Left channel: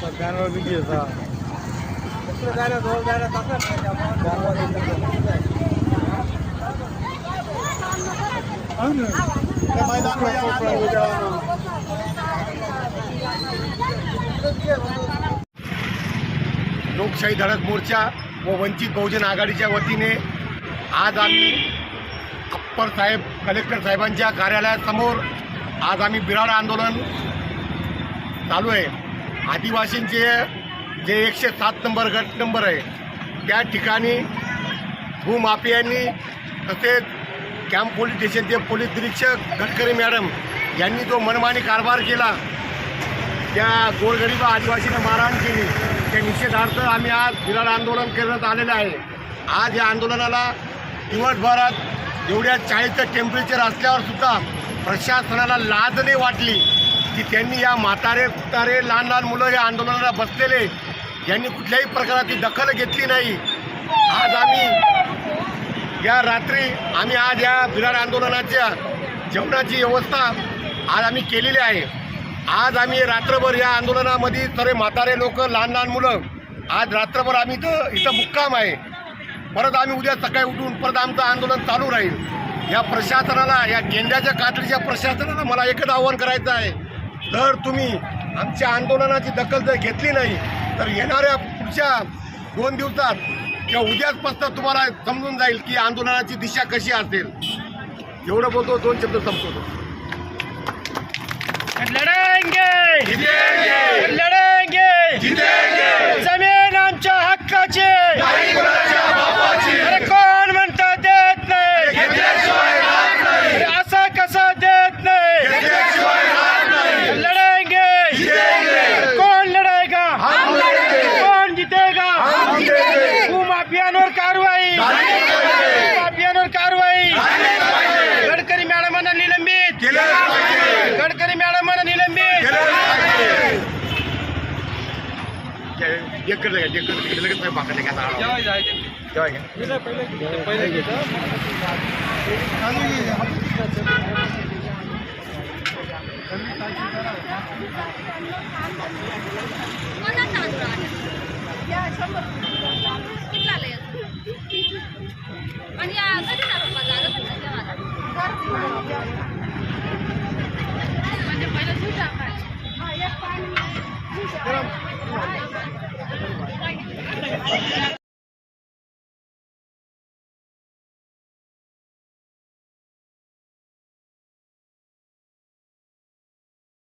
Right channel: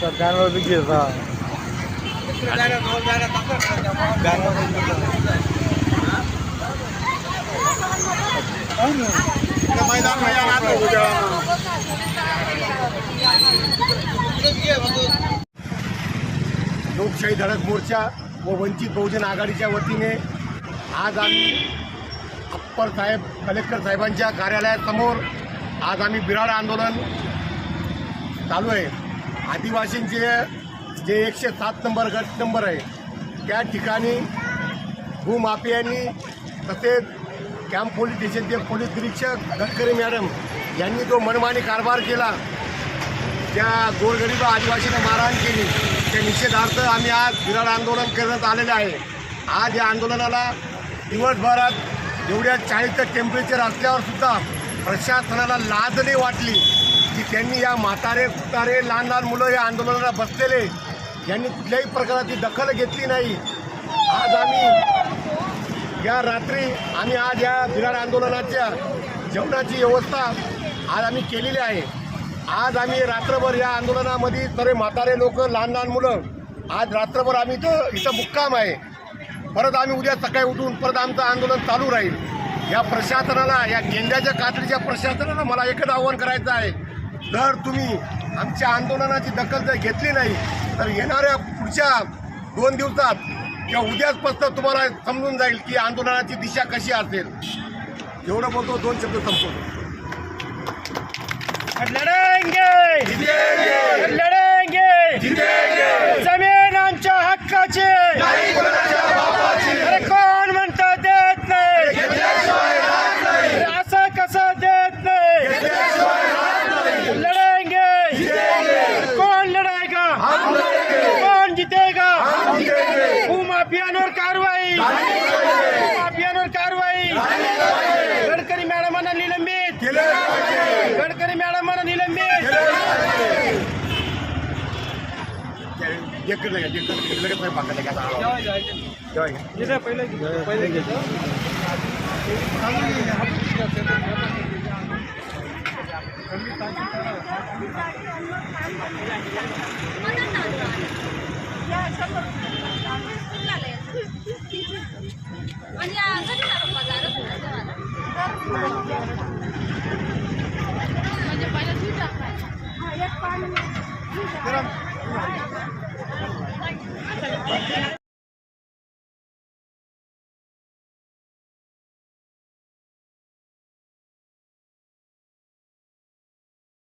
जानवर बी लोकशाही धडक मोर्चा व वंचित बहुजन आघाडीच्या वतीने आज आम्ही अप्पर साहेब कलेक्टर साहेबांच्या कार्यालयासमोर आज आम्ही बिराड आंदोलन चालू आहे. आदिवासींचे जे एकशे सात नंबर गट नंबर आहे त्या ठिकाणी भूमाफियांनी तसेच कॅम्प पोलीस स्टेशनचे पोलीस निरीक्षक गडकरी मॅडम यांनी जो मनमानी कारभार केला त्या गोरगरीब आदिवासींना मारहाण केली. त्या निषेधार्थ आम्ही आज विराट आंदोलन करण्यात आलेलं आहे. आज या आंदोलनाला दिवसभरात एवढ्या चाळीसचं टेम्परेचर असल्यावर सुद्धा प्रशासनाला लाज नाही वाटली. की त्यांनी या म्हातारे कुतारे लहान लहान मुलं या आंदोलनाला बसलेले. यांनी कुठल्याही प्रकाराची दखल घेतली नाही. आज आम्ही या रात्री आम्ही आज या बिराड आंदोलनाच्या जेवणाची व्यवस्था आज आम्ही केलेली आहे. आज आम्ही रात्रभर या आंदोलनामध्ये सर्व म्हातारे लोक लहान लहान मुलं आज रात्रभर आम्ही इथं इथं मुक्काम आहे. परत आम्ही उद्या सकाळी उठून परत आमचं आंदोलन चालू राहील. या प्रशासनाला या गेंड्याच्या कातडीच्या प्रशासनाला मला एकच आव्हान करायचं आहे. जर तुम्ही आमच्या आंदोलनाची दखल जर घेतली नाही तर येणाऱ्या पुढच्या दोन दिवसात किंवा उद्याचपासून तुम्हाला समजून जाईल की आंदोलनाची दिशा कशी असेल. एवढं बोलतो दोन शब्द संपवतो. जितेगा। भूमाफियांवर कारवाई भूमाफियांवर कारवाई गडकरी मॅडमांना निलंबित। गडकरी मॅडमांना निलंबित। डेक्कन लगा डेक्कन लगेच मी पाकडले का आता जेव्हा घ्या. आणि कधी ना पप्पा जागत नाही जेवायला म्हणजे पहिलं